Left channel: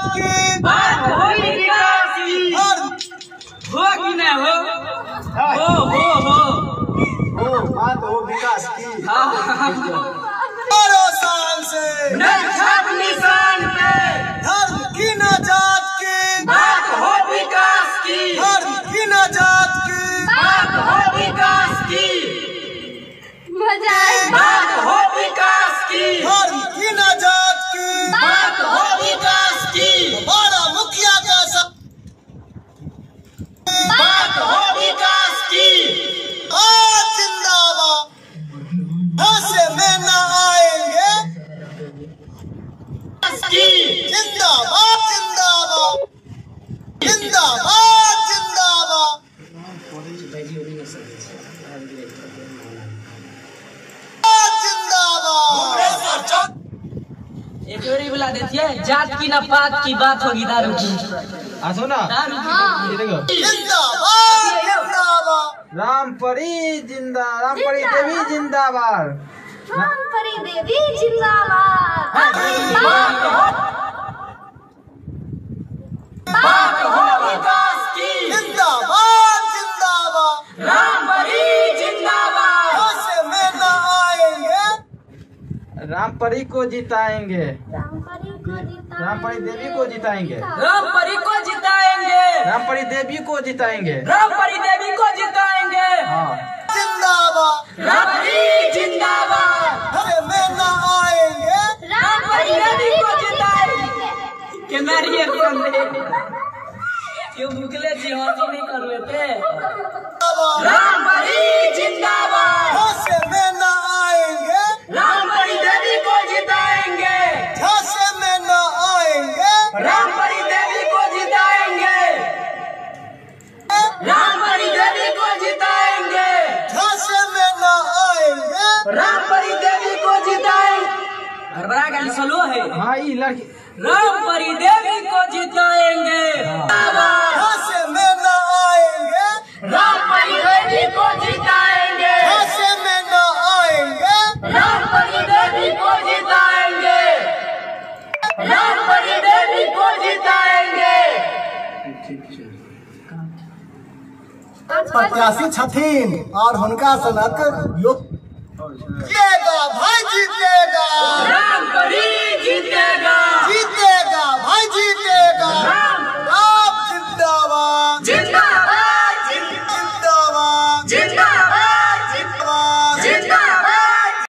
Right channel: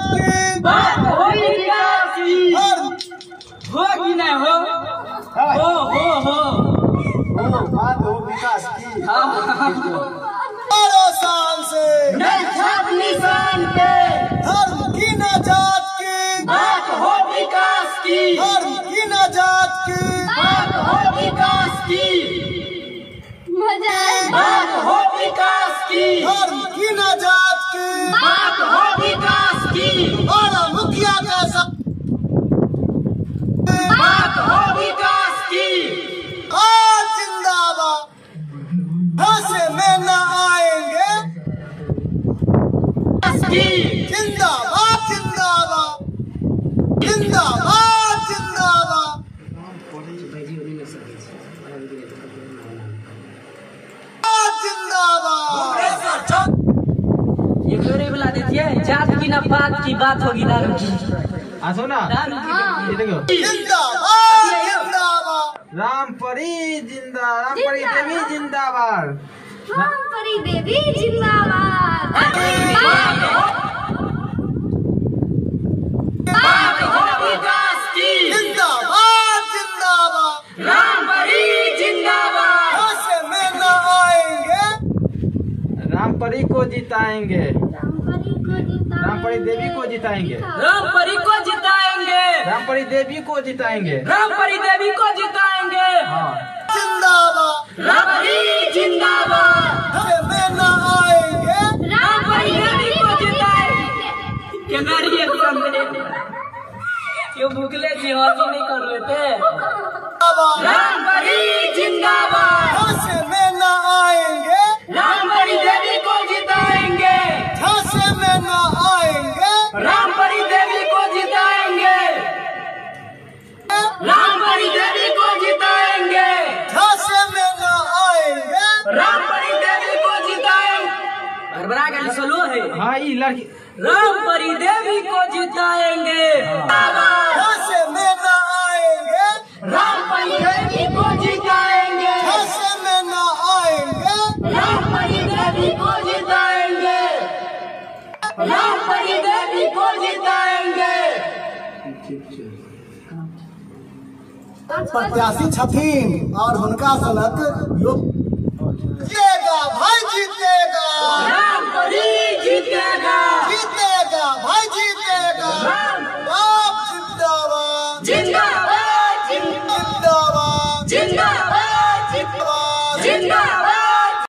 जात की बात होगी विकास की। हो कि न हो? बात हो विकास की। हाँ। शान से नजर निशान पे धर्म की न जात की बात हो विकास की। धर्म की न जात की बात हो विकास की। बात हो विकास की। धर्म की न जात की बात हो विकास की। हमारा मुखिया कैसा बात हो विकास की। जिंदाबाद ऐसे में न आएंगे जिंदाबाद जिंदाबाद जिंदाबाद जिंदाबाद जिंदाबाद। ये चोरी बुला देती है। जात की ना बात की बात होगी दारू की। आसो ना दारू की जिंदाबाद जिंदाबाद। रामपरी रामपरी देवी जिंदाबाद। रामपरी देवी जिंदाबाद। बात हो विकास की। जिंदाबाद जिंदाबाद। रामपरी जिंदाबाद। ऐसे में न आएंगे रामपरी को जिताएंगे। रामपरी देवी को जिताएंगे। रामपरी को जिताएंगे। रामपरी देवी को जिताएंगे। रामपरी देवी को जिताएंगे। हाँ जिंदाबाद। रामपरी जिंदाबाद। ऐसे में न आएंगे रामपरी देवी को जिताएंगे। क्या रिएक्शन दे? क्यों भूखले जी हॉकी नहीं कर रहे थे? रामपरी जिंदाबाद। ऐसे में न आएंगे रामपरी देवी को जिताएंगे। ऐसे में न आएंगे रामपरी देवी को जिताएंगे। रामपरी देवी को जिताएंगे। ऐसे में न आएंगे रामपरी देवी को जिताएंगे। गड़बड़ा गया सोलो है। हाँ ये लड़की रामपरी देवी को जिताएंगे। ऐसे में न आएंगे रामपरी देवी को जिताएंगे। ऐसे में न आएंगे रामपरी देवी को जिताएंगे। रामपरी देवी को जिताएंगे। प्रत्याशी छथिन और हुनका सनक लोग जीतेगा भाई जीतेगा।